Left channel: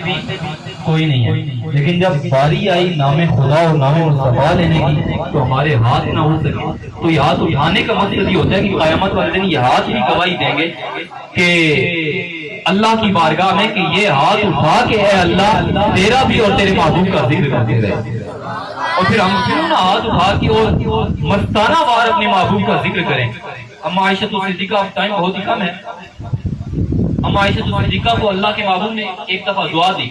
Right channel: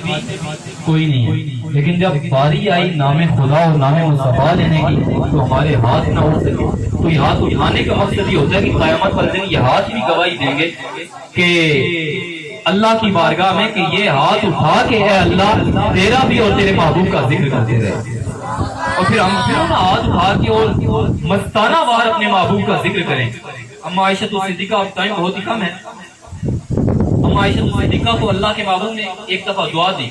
بھی کوئی نہیں ہے، لیکن جب باری آئی نام خدا اور نام مصطفیٰ لینے کی تو ہمارے ہاتھ نہ ہو سکے، تو یہ ہاتھ اٹھانے کا مقصد یہ ہوتا ہے کہ قیامت والے دن یہ ہاتھ بھی گواہی دیں گے کہ اللہ کی بارگاہ میں کہ یہ ہاتھ اٹھا کے اے اللہ تیرا بھی اور تیرے محبوب کا ذکر کرتے رہے، اور پھر ہم پھر انہیں ہاتھ اٹھا کے اور مستانہ وار اپنے محبوب کا ذکر کریں۔ اما عائشہ صدیقہ، اب ٹائم بہت ہی کم ہے، اما عائشہ صدیقہ کو اللہ کے محبوب نے ایک دفعہ دعا دی،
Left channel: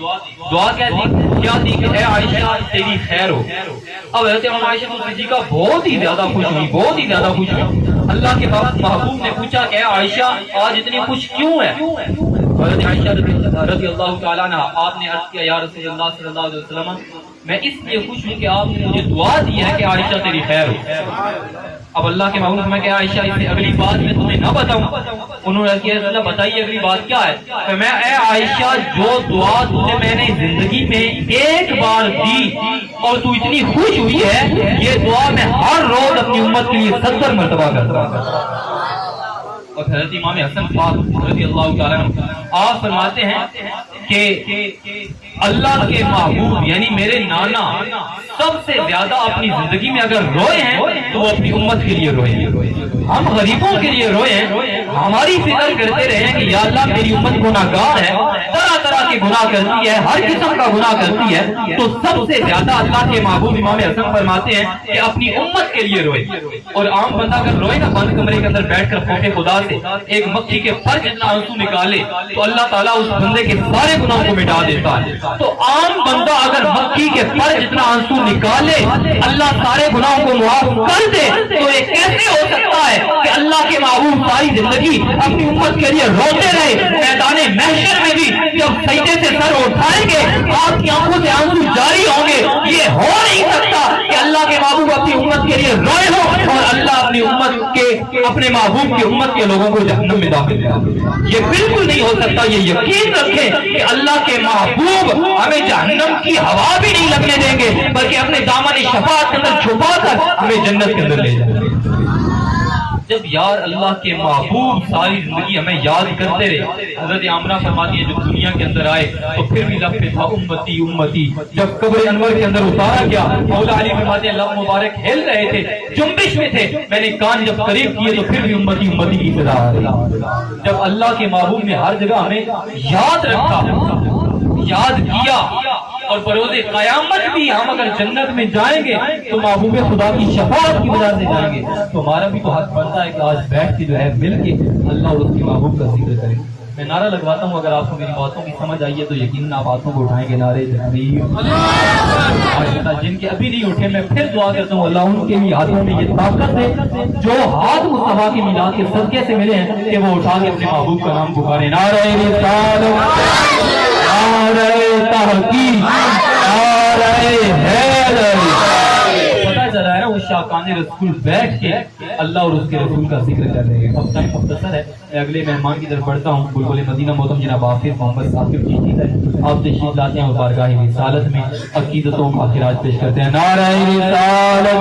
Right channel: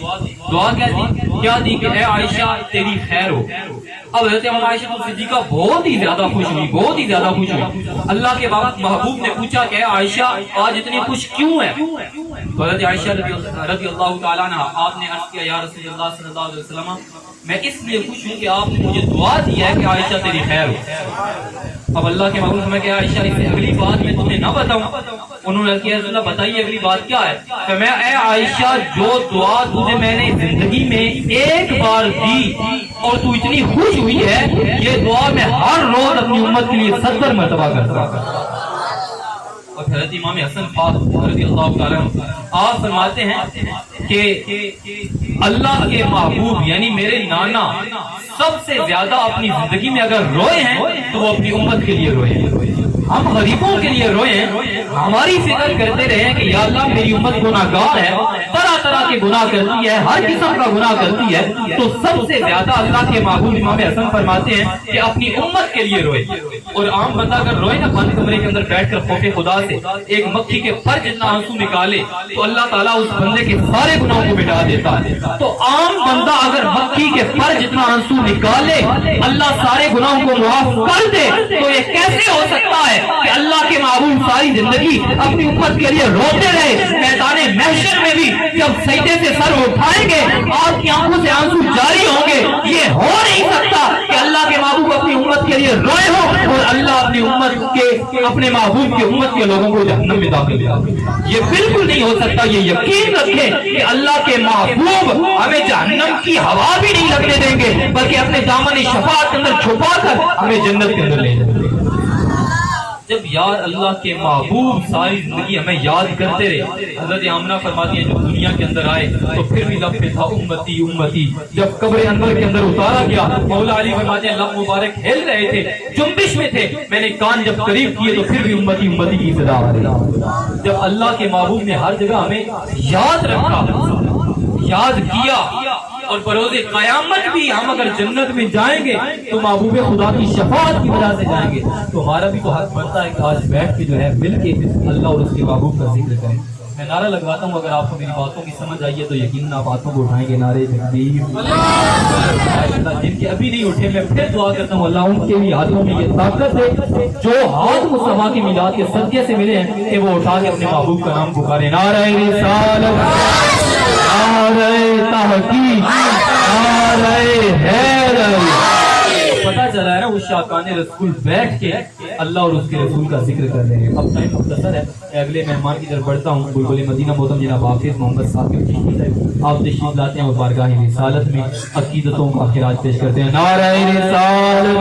دعا کیا دی کہ اے عائشہ تیری خیر ہو۔ اب حضرت اما عائشہ صدیقہ بہت ہی زیادہ خوش ہوئی، بہت ہی زیادہ خوش ہوئی۔ اللہ کے محبوب نے پوچھا کہ اے عائشہ آج اتنی خوش کیوں ہے؟ حضرت عائشہ رضی اللہ تعالیٰ عنہ آپ نے عرض کیا یا رسول اللہ صلی اللہ علیہ وسلم میں اس لیے خوش ہوں کہ آپ نے مجھے دعا دی ہے کہ عائشہ تیری خیر ہو۔ اب اللہ کے محبوب میں کہ عائشہ اس سے اگلی بات میں تمہیں نہ بتاؤں؟ انہوں نے کہا اللہ بتائیے اگلی بات کیا ہے؟ کہ میں اے عائشہ جو دعا تجھے میں نے زندگی میں ایک بار دی اور تو اتنی خوش ہوئی ہے، یہ دعا میں ہر روز اپنی امت کے لیے 70 مرتبہ کرتا ہوں۔ اور حضرت امام حسن پاک رضی اللہ تعالیٰ عنہ آپ فرماتے ہیں کہ اللہ کے محبوب یعنی میرے نانا سب سے زیادہ اپنی زندگی میں اگر روئے ہیں تو وہ اپنی امت کے لیے روئے ہیں، ہم غریبوں کے لیے روئے ہیں، ہماری فکر کرتے رہے کہ یا اللہ میری امت گناہگار ہے، طرح طرح کے گناہ کرتی ہے، ہر قسم کا گناہ کرتی ہے، تو سب سے زیادہ اللہ کے محبوب امام حسن فرماتے ہیں کہ اپنی امت کے لیے روئے۔ اور عام بندہ اگر روئے نا بند کمرے کے اندر بیٹھ کر خوف خدا سے ایک مکھی کے پر جتنا آنسو نکالے تو اللہ تعالیٰ اس بندے کے سارے گناہوں کو مٹا دیتا ہے۔ تو عام بندہ اگر مکھی کے پر جتنا آنسو نکالے اللہ سارے گناہوں کو معاف کر دے تو یہ کیسے ہو سکتا ہے کہ اللہ کے محبوب ساری زندگی اپنی امت کے لیے روتے رہے؟ میدان محشر میں بھی جب سجدے سے سر اٹھائیں گے آپ کی آنکھوں سے آنسو جاری ہوں گے۔ یہ ہو نہیں سکتا کہ اللہ کے محبوب اپنی امت کے لیے روئے ہو اور اللہ اپنی امت کے اپنے محبوب کی امت کے لوگوں کو جہنم میں داخل کر، یہ بالکل نہیں ہو سکتا۔ یہ یقین رکھیں کہ اللہ کے محبوب ہمیں جہنم کی ہوا بھی نہیں لگنے دیں گے بلکہ اپنے دامن شفاعت کے اندر چھپا کر ہمیں جنت کے اندر لے جائیں گے۔ جب یار اللہ کے محبوب ساری زندگی ہمیں یاد کرتے رہے، حضرت آمنہ فرماتی ہیں جب دنیا کے اندر آئے تو پھر بھی لب پہ تھا امتی امتی، جب قبر انور کے اندر اتارا گیا مولا علی فرماتے ہیں لب مبارک ہل رہے تھے، جنبش میں تھے، میں نے کان جب قریب کیے تو پھر بھی امتی امتی کی صدا آ رہی۔ جب اللہ کے محبوب نے ہر جگہ ہمیں یاد رکھا، یاد کیا، اور بروز قیامت بھی ہم اگر جنت میں جائیں گے تو محبوب خدا کی شفاعت کی وجہ سے جائیں گے، تو ہمارا بھی تو حق بنتا ہے کہ آج بیٹھ کے جو ہے مل کے اللہ اور اس کے محبوب کا ذکر کریں۔ میں نعرہ لگواتا ہوں، اگر آپ کو میری باتوں کی سمجھ آئی ہے تو یقیناً آپ ہاتھوں کو اٹھائیں گے نعرے تکبیر۔ جن کے ابھی نہیں اٹھے میں پھر دعا کرتا ہوں اللہ ان کے بھی ہاتھوں میں یہ طاقت ہے جو ہاتھ مصطفیٰ کی میلاد کے صدقے سے ملے ہیں کہ وہ اٹھا کے اپنے محبوب کا نام پکارے۔ نعرہ رسالت، نعرہ تحقیق، نعرہ حیدر۔ پتہ چلا ہے نا وہ شاکان رسول بیٹھ کے اللہ اور اس کے رسول کا ذکر کر رہے ہیں۔ اب ٹائم مختصر ہے، میں اگلے مہمان کی طرف بڑھتا ہوں۔ بلبل مدینہ محترم جناب حافظ محمد ثاقب چشتی صاحب آپ تشریف لاتے ہیں اور بارگاہ رسالت میں عقیدتوں کا خراج پیش کرتے ہیں۔ نعرہ رسالت۔